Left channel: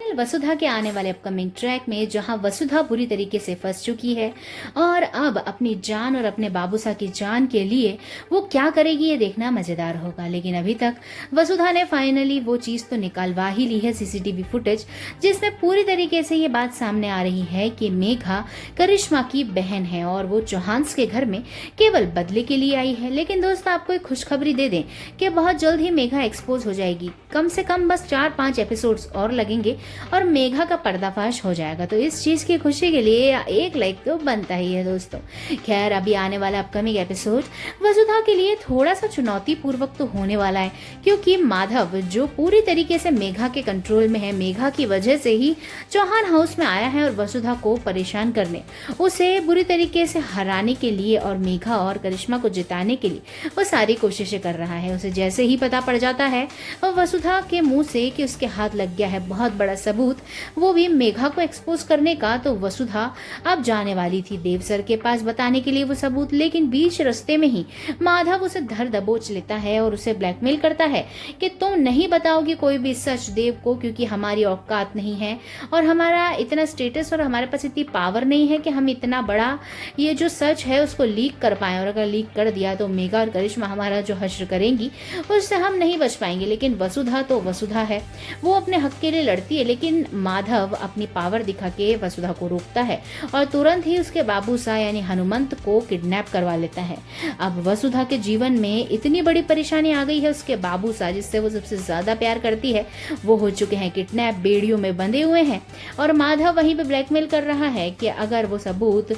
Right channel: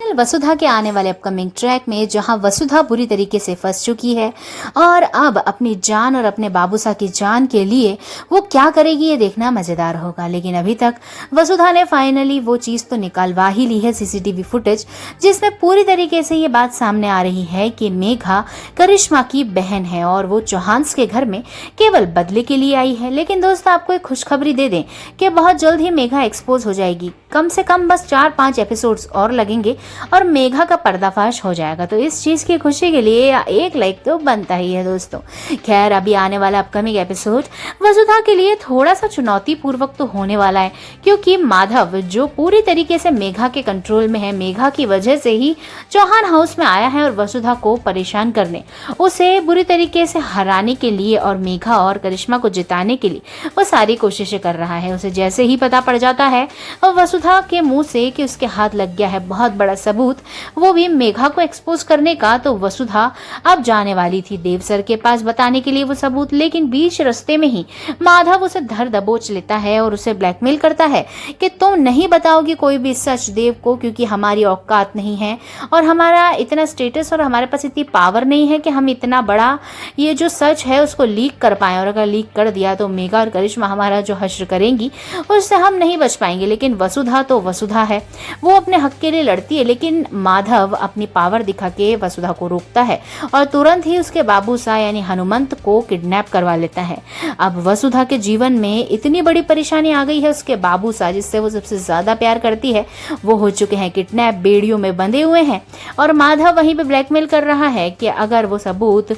वसुधा के आने वाले अपकमिंग ट्रैक में जहां वसुधा बुरी तरीके से फंस चुकी है और अब अपनी जान और अपने बाबूसा की जान के लिए वो क्या करेगी ये देखना मजेदार होगा। लेकिन अभी तक वसुधा ने फाइनली वो चीज तो निकालवा ही ली है, सीसीटीवी फुटेज, जिसमें पूरी तरीके से ये बात सामने आ रही है कि मेघा करिश्मा की बहन है और वो चौहान्स के घर में केवल बदले के लिए आई है। लेकिन दोस्त आपको एक खुशखबरी दे दें कि बहुत जल्द ही मेघा एक्सपोज हो जाएगी। कम से कम बस 4-5 एपिसोड्स और लगेंगे और मेघा का पर्दाफाश हो जाएगा। तो इस चीज की खुशी के लिए एक लाइक तो बनता ही है दोस्तों। खैर, अभी आने वाला अपकमिंग एपिसोड वसुधा के लिए थोड़ा सा चुनौती पूर्वक तो होने वाला है, क्योंकि माधव जो पूरी तरीके से मेघा के कंट्रोल में है, मेघा की वजह से ही चौहान हाउस में आया है और वसुधा को परेशान करने, उसे बुरी तरीके से हराने के लिए और मेघा और करिश्मा को जिताने के लिए वो सारी कोशिशें कर रहा है। उसे जैसे ही पता पड़ जाता है और वसुधा के मुंह से कि उसके हाथ लग गया है बहुत बड़ा सबूत, वो भी मेघा को एक्सपोज करने का, तो वसुधा अब जाने वाली थी देव सर के पास बताने के लिए वो सबूत। लेकिन बीच रास्ते में ही माधव उसे धर दबोच लेता है और उसे ब्लैकमेल करता है कि तुम नहीं बताओगी कोई भी सच देव को, क्योंकि हमारी औकात नहीं है और हमारा इतना स्टेटस और हमारे पास इतनी पावर नहीं है कि हम इतना बड़ा ये जो सच है उसको लीक कर पाए। और अगर लीक कर दिया तो मेघा और करिश्मा हमारा जो हश्र करेंगी उससे हम नहीं बच पाएंगे। लेकिन वसुधा तो वसुधा है, वो अपने हक के लिए लड़ती है। लेकिन माधव अपनी पावर दिखा के वसुधा को रोकता है और तुरंत ही उसके बाबूसा यानी हनुमंत को किडनैप करवा लेता है। अब वसुधा के जीवन में इतनी बड़ी परेशानी आ गई है, उसके बाबूसा जिससे वो सबसे ज्यादा प्यार करती है वो हो चुके हैं किडनैप, बेड़ियों में बंधे हुए हैं और माधव वहीं पे ब्लैकमेल कर रहा है कि अगर वो सबूत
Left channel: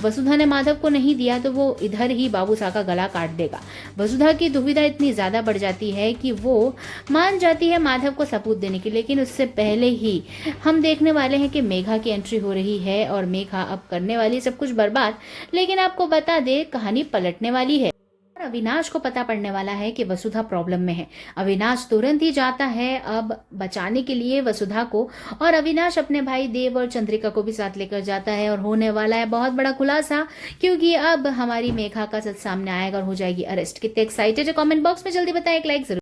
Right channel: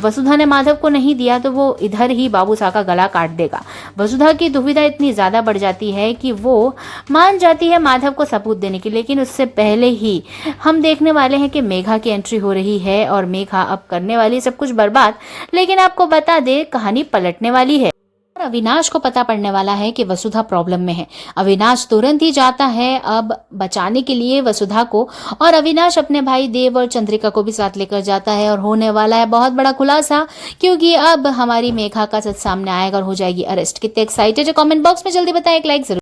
वसुधा ने माधव को नहीं दिया तो वो इधर ही बाबूसा का गला काट देगा। वसुधा की दुविधा इतनी ज्यादा बढ़ जाती है कि वो मान जाती है माधव को सबूत देने की। लेकिन उससे पहले ही हम देखने वाले हैं कि मेघा की एंट्री हो रही है और मेघा अब करने वाली है सब कुछ बर्बाद। लेकिन आपको बता दे, कहानी पलटने वाली है। अविनाश को पता पड़ने वाला है कि वसुधा प्रॉब्लम में है। अविनाश तुरंत ही जाता है अब बचाने के लिए वसुधा को, और अविनाश अपने भाई देव और चंद्रिका को भी साथ लेकर जाता है और होने वाला है बहुत बड़ा खुलासा, क्योंकि अब हमारी मेघा का सच सामने आएगा और हो जाएगी अरेस्ट। कितने एक्साइटेड है कमेंट बॉक्स में जल्दी बताएं, एक लाइक जरूर।